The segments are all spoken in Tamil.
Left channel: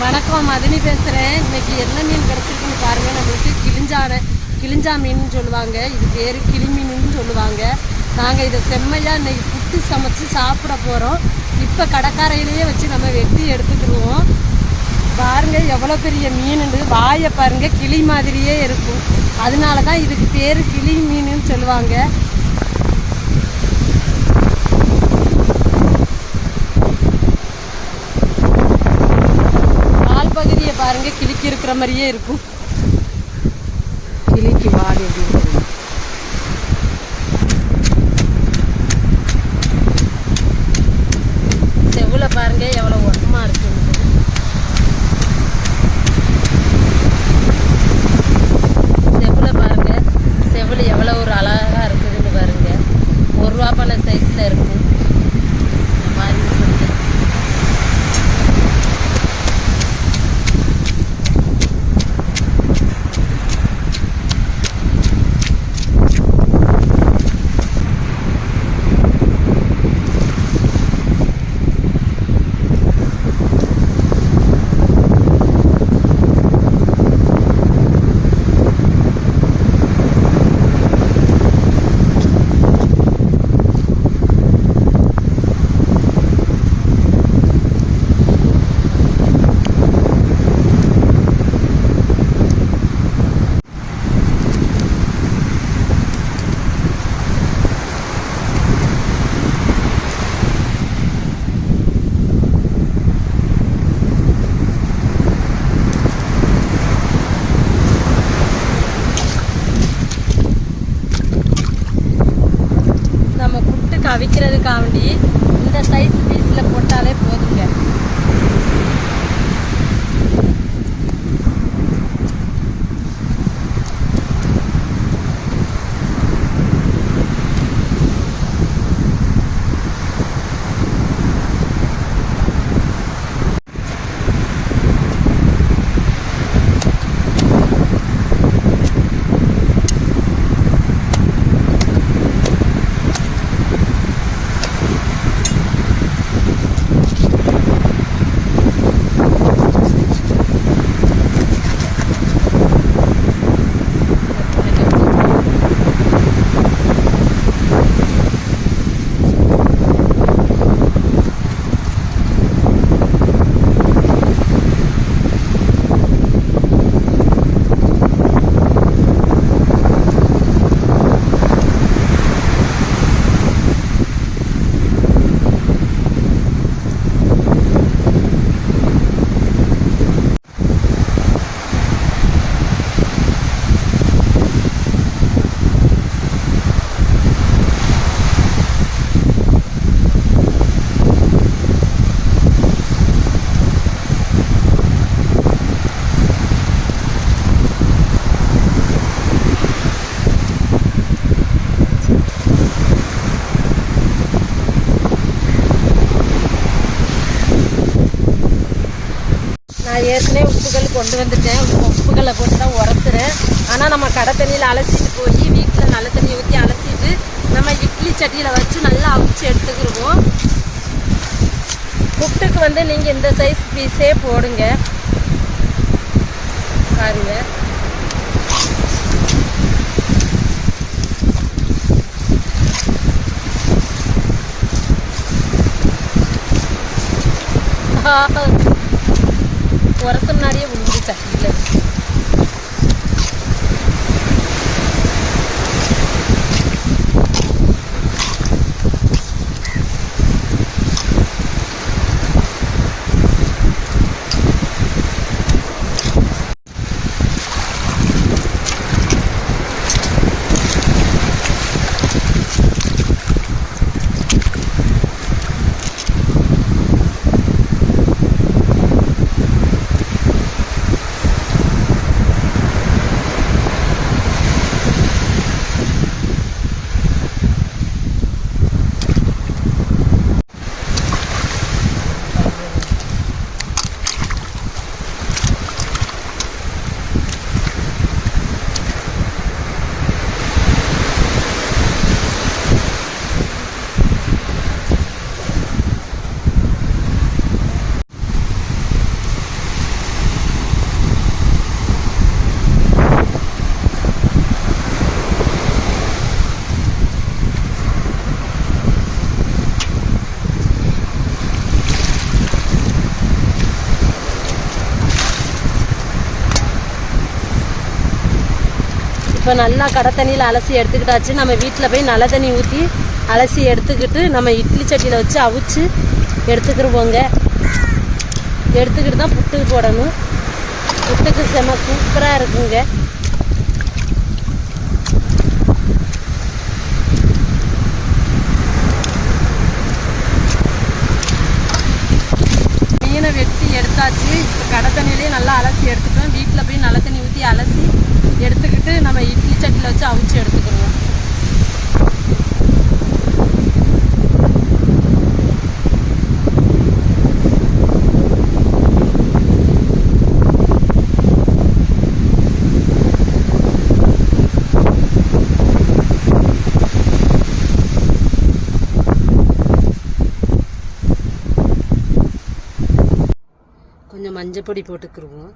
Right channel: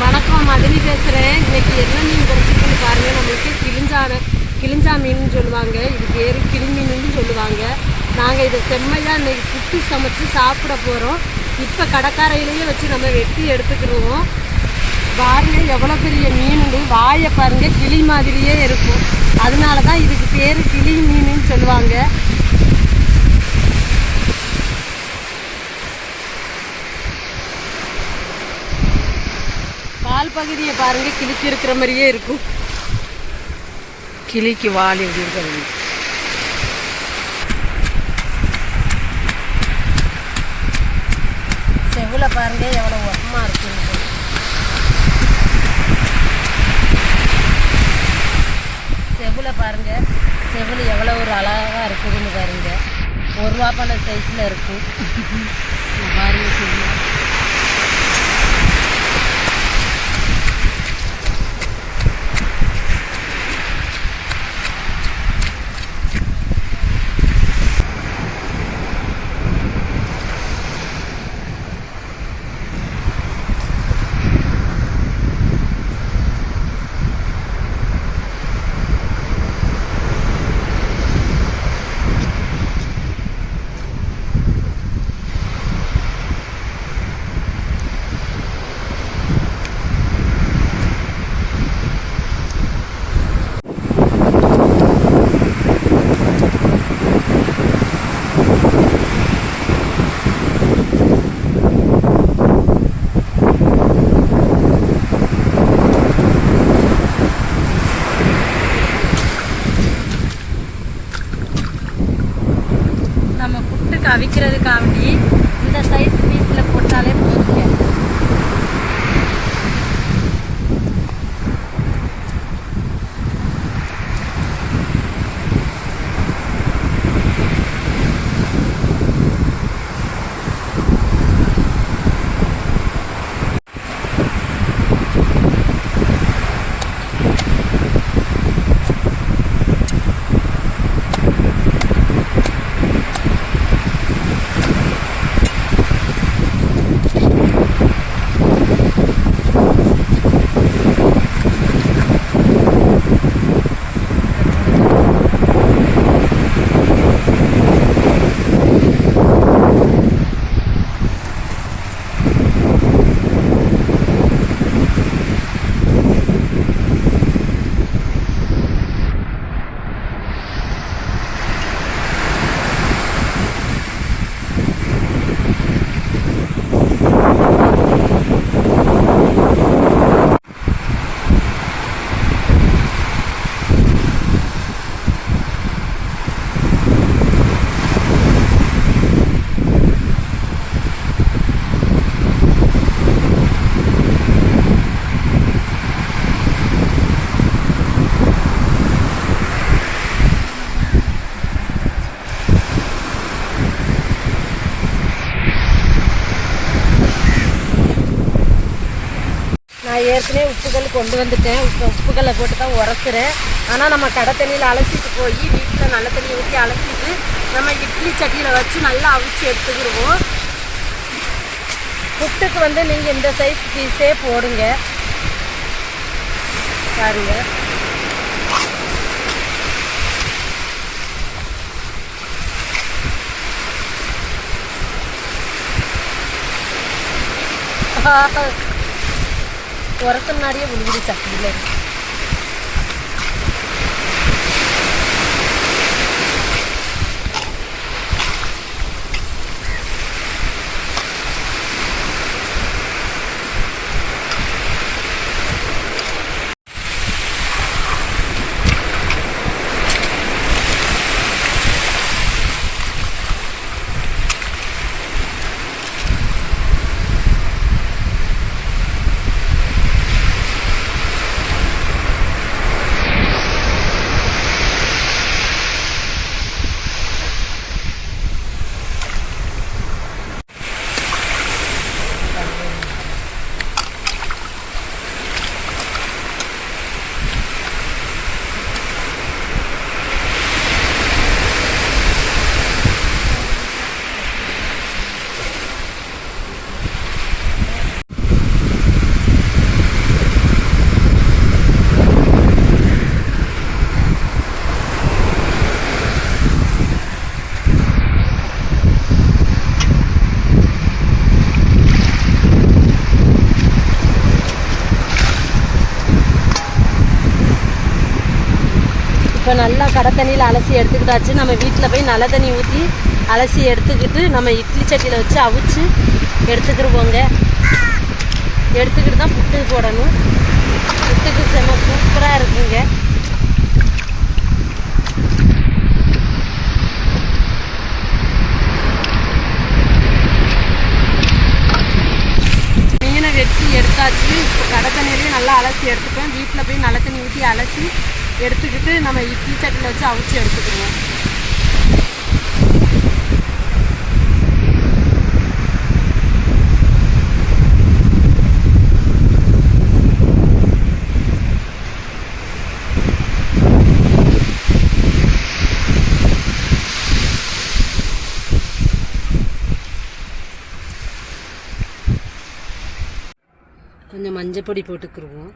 வணக்கம் மதனி பேசுகிறேன் இன்னைக்கு என்ன மீன் கிடச்சிருக்குன்னு பாருங்கள் நம்மளுக்கு கிளிஞ்சாவை கிளிஞ்சா மீன் சொல்லுவாங்க. இது பேர் கிளி மீனுன்னு சொல்லுவாங்க. நாங்கள் இதை செம்மையாக இன்னைக்கு புட்டு சமைச்சு சாப்பிட போகிறோம் இப்போ கடற்கரையிலேயே வச்சு நம்ம வெட்டி எடுத்துக்கிடுவோம். பாருங்கள் எவ்வளோ பெரிய மீனுண்டு வாயை பாருங்க கிளி மாதிரியே இருக்கும். அதனால தான் இதுக்கு பேர் கிளி மீனுன்னு சொல்லுவாங்க. வால் பகுதியை பாருங்க கிளிக்கு இருக்கிற மாதிரியே இருக்கும். கிளிக்கு வால் எப்படி இருக்குது. செவுல பாருங்க எவ்வளோ உரமா இருக்குன்னு செவுல பாருங்க செவில் எவ்வளோ ஒரு அழகா இருக்குதுன்னு பாருங்க. ஒரு ரூபா பண்ண சைஸ்ல இருக்கும். இந்த மாதிரி இருக்குது நம்ம புட்டுக்கு இந்த சைஸ் நான் ஏற்கனவே உப்புகள் கொண்டு வந்துட்டேன். உப்புகளை போட்டு தான் உரத்துறேன் ஆனால் நம்ம கடை தண்ணியில் அலசிட்டு போய் வீட்டில் நல்ல தண்ணி ஊற்றி அலசிட்டு நம்ம இட்லி சட்டியில் வச்சு நல்லா அவிச்சு எடுத்துக்கிடுவோம் புட்டுக்கு வந்து நீங்கள் இந்த சைஸ் பீஸே போடுங்க. பாருங்க. உரச முன்னாடியே விழுந்து இல்லை இப்போ நல்லா கடை தண்ணியில் அலசி எடுத்துக்கிட்டாச்சு. நம்ம வீட்டில் போய் நல்ல தண்ணி ஊற்றி அலசி எடுத்துக்கிட்டு நம்ம இட்லி சட்டியில் வச்சு அவிச்சு எடுத்துக்கிடுவோங்க எடுத்துக்கிட்டு தான் புட்டு போடணும். புட்டுக்கு செம்ம சூப்பராக இருக்குங்க மீனை வெட்டி எடுத்தாச்சு. இப்போ கடை தண்ணியிலே நல்லா அலசி எடுத்துப்பேன் வீட்டில் போய் நல்ல தண்ணி ஊற்றி அலசி எடுத்துக்கிட்டு நம்ம இட்லி சட்டியில் வச்சு அவிச்சு எடுத்துக்கிடுவோம். கொஞ்சம் மஞ்சப்பொடி போட்டுக்கிருவோம்.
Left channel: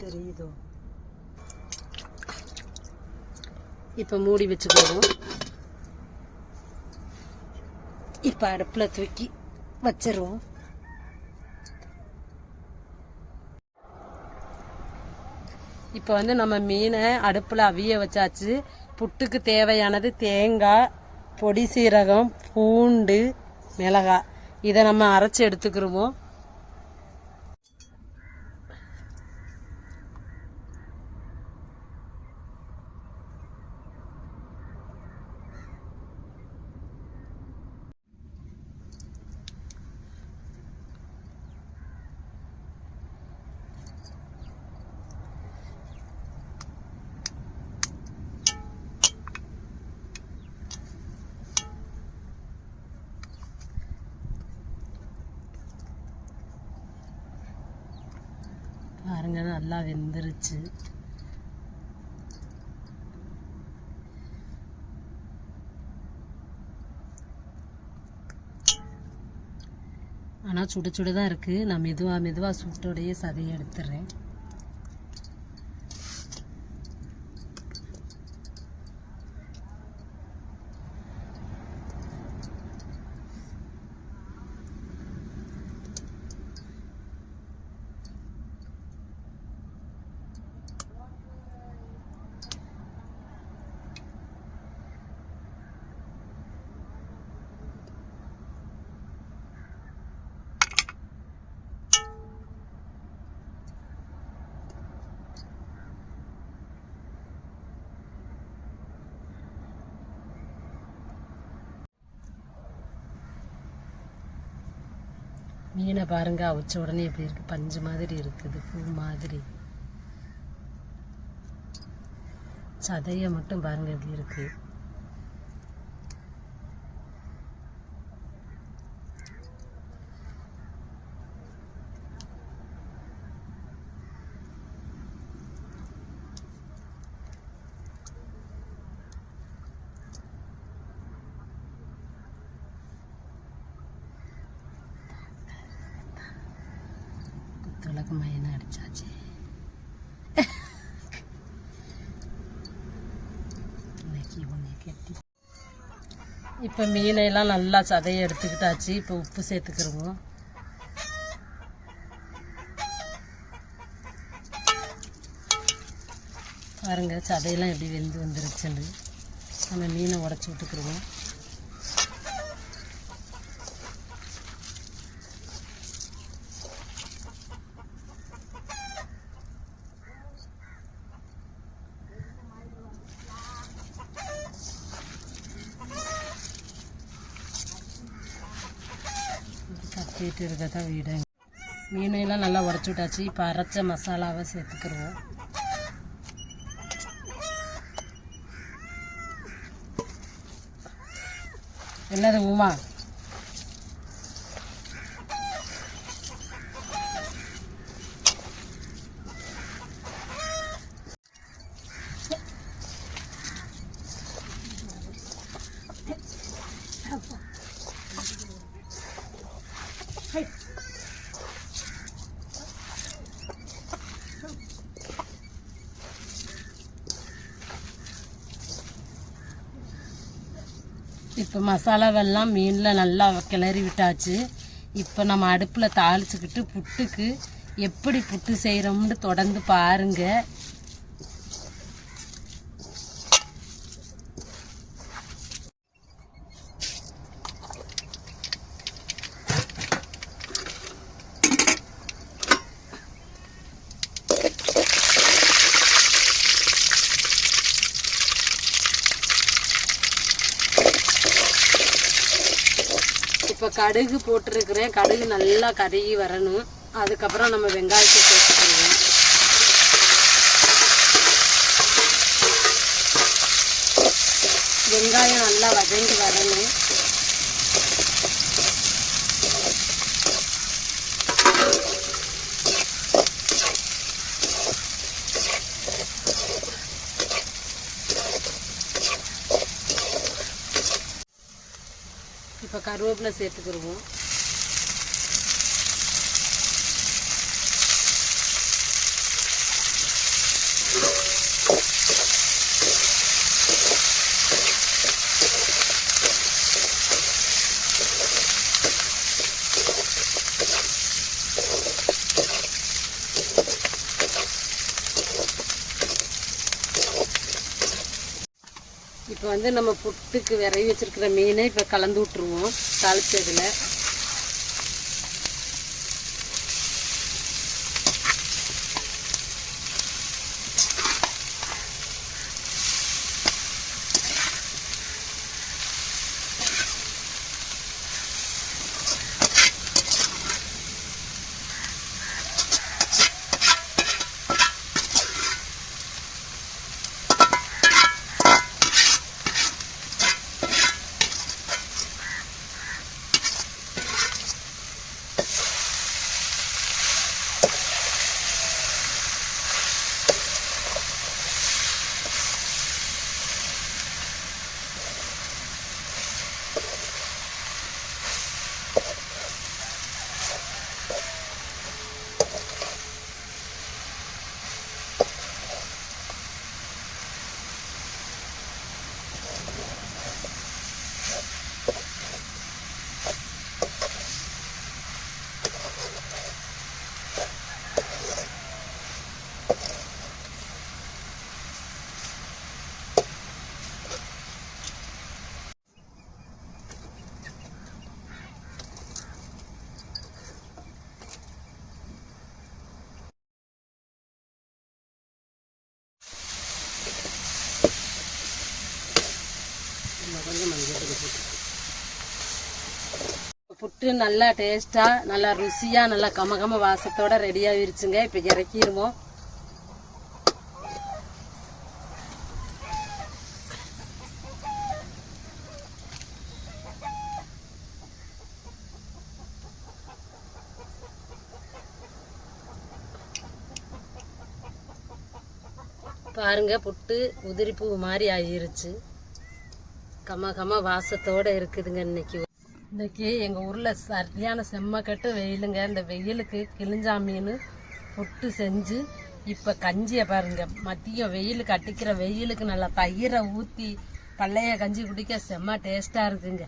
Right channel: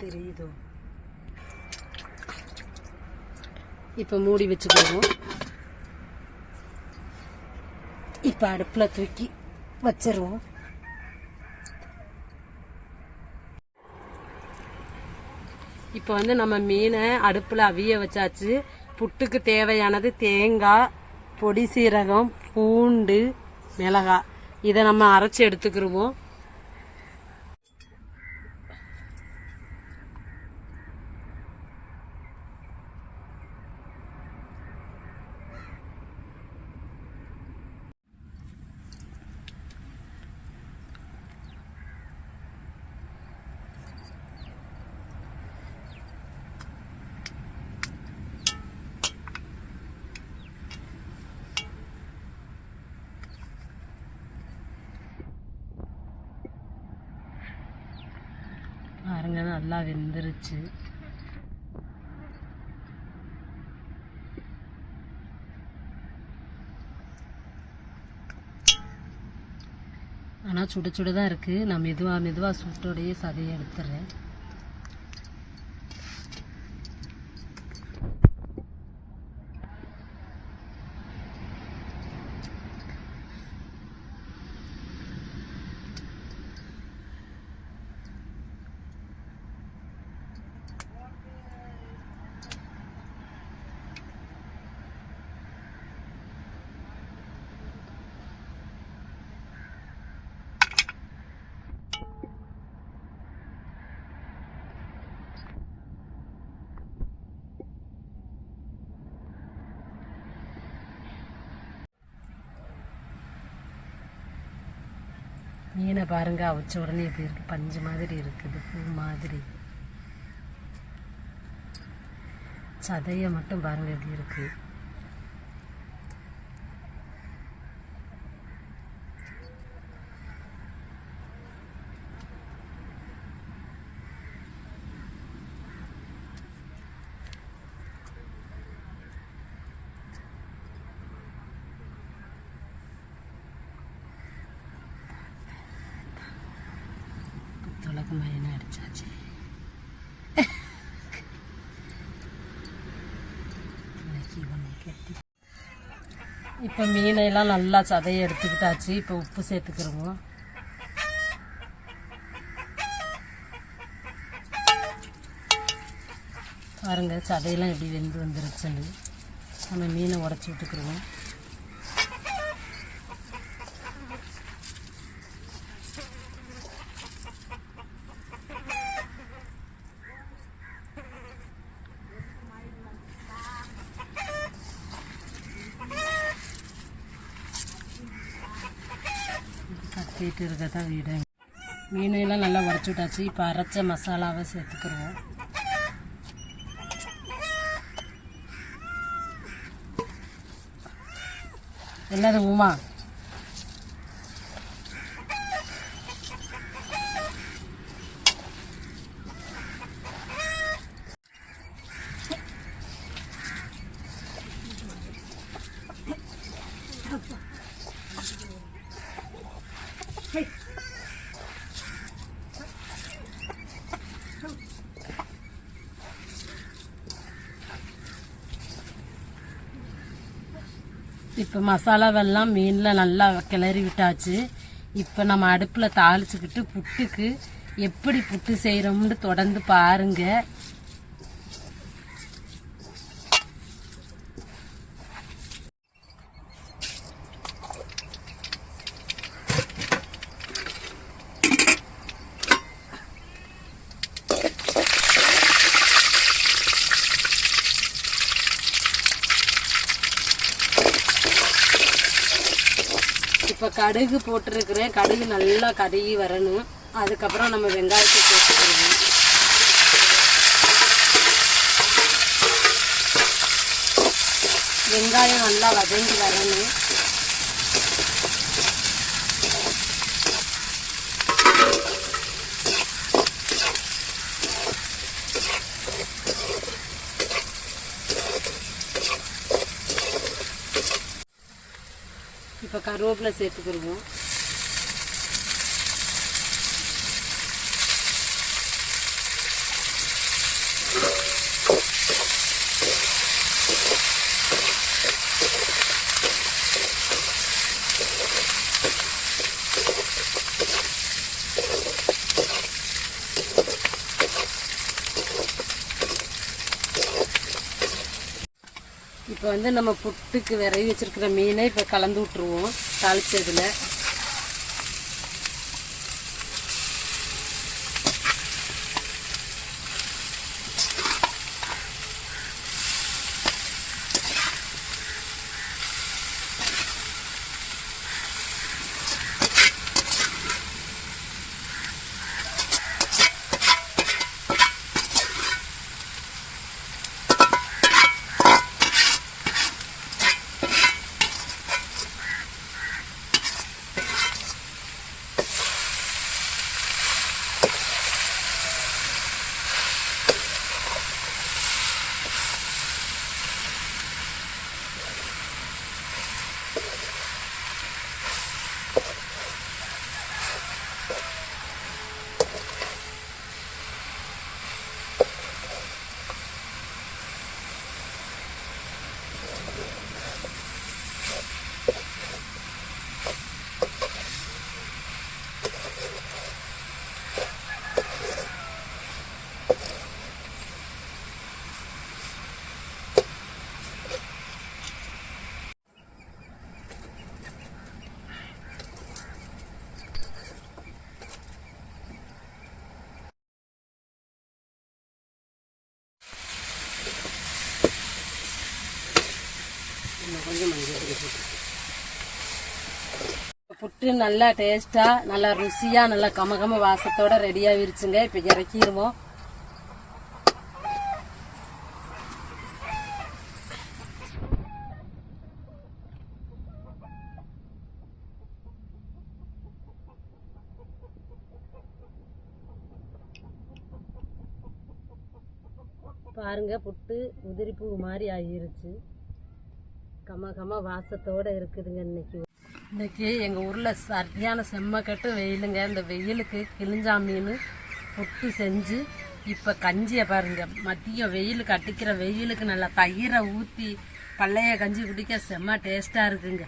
தெரியுதோ? இப்போ மூடி வச்சுக்கிடுவோம். இப்போ அடுப்பில் தூக்கி வச்சிருவோம். இப்போ வந்து நம்ம மீனை அடுப்பில் அவிய வச்சாச்சு. புட்டுக்கு தேவையானது தேங்காய் பொடி சீரகம் பூண்டு மிளகாய். இதை நம்ம அரைச்சி எடுத்துக்கிருவோம். பாருங்க நல்லா வெந்துருச்சு. ஆனால் சுட சுட தான் இருக்குது நான் மெதுவாக மெதுவாக சுட்டோடையே சதையை எடுத்துடுறேன் மீனை பாருங்க அவிச்ச உடனே இப்படி இருக்கு. பஞ்சு மாதிரி இருக்குது பூ மாதிரி. சதையை மட்டும் பாருங்க எப்படி இருக்குது துளக்கு மைனா அடிச்சாச்சு. இப்போ மீனையெல்லாம் நல்லா சதையை எடுத்துக்கிட்டாச்சு. இப்போ உப்பு சேர்த்துக்கிறோம் பாருங்கள் சதையெல்லாம் எப்படி வெந்து வந்துருச்சுன்னு. நம்ம மீனை உடச்சி விட்டுக்கிறோம் கத்திட்டு இருக்க தான் வீடு. மீனெல்லாம் நல்லா உடச்சி விட்டாச்சு. இப்போ அரைச்ச மசாலாவை சேர்த்துக்கிடுவோம் என்னது உமா? இப்போ மசாலாவெல்லாம் மீனில் நல்லா கிளறி விட்டாச்சு. இப்போ நம்ம அடுப்பில் தாளிச்சுக்கிட்டு புட்டுக்கு எப்படி புட்டு செய்கிறோம்னு தொடர்ந்து பாருங்க இப்போ கடுகு போட்டிருக்கிறேன். கடுகு நல்லா கருகி வரணும். அதுக்கப்புறம் நம்ம வெங்காயத்தை சேர்த்துக்கிறோம் வெங்காயம் நல்லா வதங்கி வரணும். கருவேப்பிலை சேர்த்துக்கிடுவோம் இப்போ வந்து நம்ம புட்டுக்கு விரைவி வச்சிருக்கிற மீனை இப்போ கலந்து விட்டுருவோம் தாளிச்சதுல இன்னும் கொஞ்சம் மஞ்சள் பொடி போட்டு புட்டு நல்லா டேஸ்ட்டாக நல்லா ருசியாக நல்லா கமகம வாசத்தோட ரெடியாகிருச்சுங்க இப்போ இறக்கிடுவோம் பாருங்க புட்டு உதிரிப்பூ மாதிரி ஆகிருச்சு. கம கம வாசத்தோட இருக்குதுங்க இன்னைக்கு. இன்னைக்கு எங்கள் ஊரில் சரியான செம்மக்கட்டு வெயிலுங்க. இந்த வெயிலுக்கு கிழிஞ்சா மீன் புட்டு செஞ்சு இப்போ கஞ்சியை பாருங்க. மதியம் வெயிலுக்கு அடிக்கிற வெயிலுக்கு நல்லா தயிரை ஊற்றி பழைய கஞ்சி குடிக்க செம்ம டேஸ்ட்டாக இருக்குங்க.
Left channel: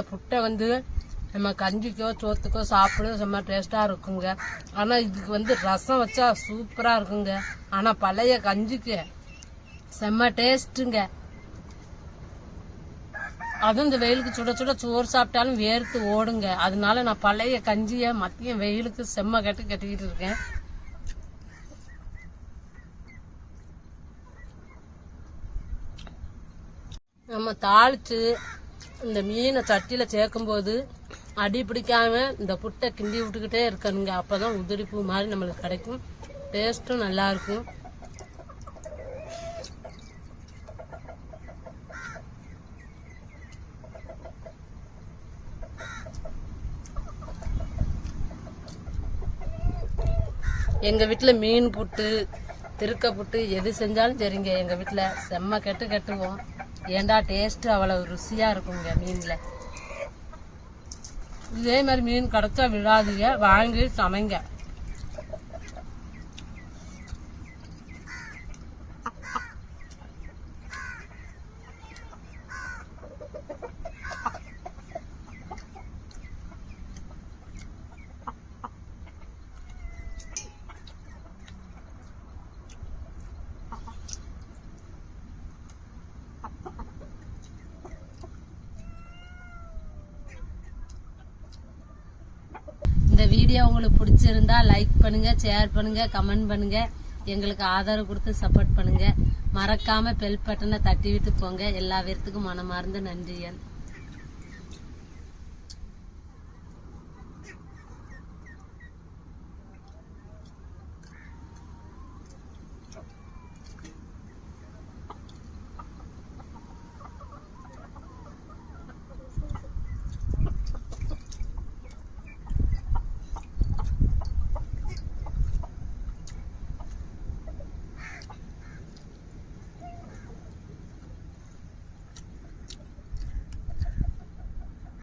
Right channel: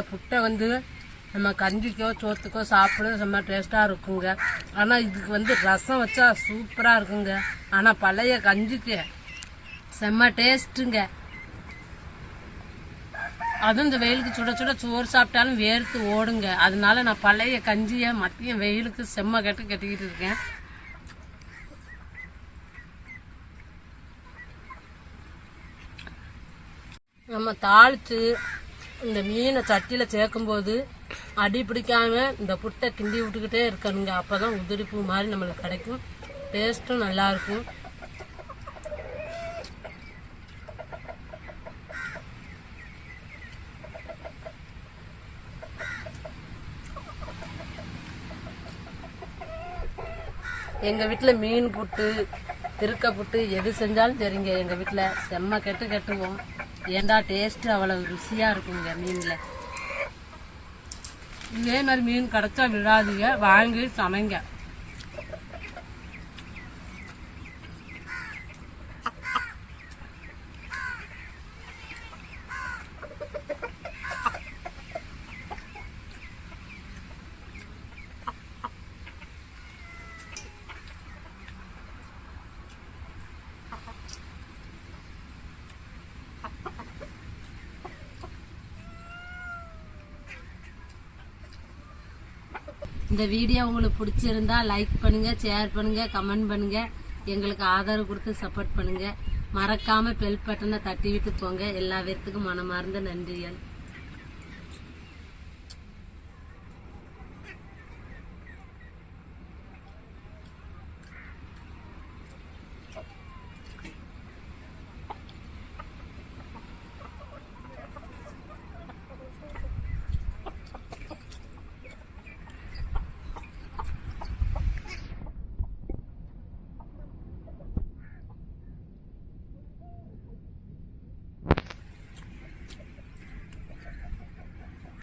இந்த புட்டை வந்து நம்ம கஞ்சிக்கோ சோத்துக்கோ சாப்பிட செம்ம டேஸ்ட்டாக இருக்குங்க. ஆனால் இதுக்கு வந்து ரசம் வச்சா சூப்பராக இருக்குங்க. ஆனால் பழைய கஞ்சிக்கு செம்ம டேஸ்ட்டுங்க அதுவும் இந்த வெயிலுக்கு சுட சுட சோறு சாப்பிட்டாலும் வேர்த்து ஓடுங்க. அதனால நான் பழைய கஞ்சியை மத்தியம் வெயிலுக்கு செம்ம கெட்டு கட்டிக்கிட்டு இருக்கேன். நம்ம தாளித்து இந்த மீனை சட்டியில் சேர்க்கும்போது அடி பிடிக்காம இந்த புட்டை கிண்டி விட்டுக்கிட்டே இருக்கணுங்க. அப்போ தான் உதிரிப்பூ மாதிரி நம்மளுக்கு கிடைக்கும். டேஸ்ட்டும் நல்லாயிருக்கும் எங்கள் வீட்டில் மீன் புட்டு திருக்க புட்டு எது செஞ்சாலும் சரிங்க. எங்கள் வீட்டில் செம்ம கெட்டு கட்டுவோம். ஏண்டா டேஸ்ட்டு அவ்வளோ ருசியாக இருக்குங்க மீனில்? இதே மாதிரி மீன் கிடைச்சா விழாதீங்க வாங்கி சமைங்க. இந்த வீடியோ உங்களுக்கு பிடிச்சிருந்தா லைக் பண்ணுங்கள் ஷேர் பண்ணுங்கள் கமெண்ட் பண்ணுங்கள் எங்களுக்கு ஆதரவு கொடுத்து சப்போர்ட் பண்ணுங்கள் மறக்காமல் பெல் பட்டனை தட்டி விட்டு போங்க. எல்லா பேர்த்துக்கும் மனமார்ந்த நன்றிகள்.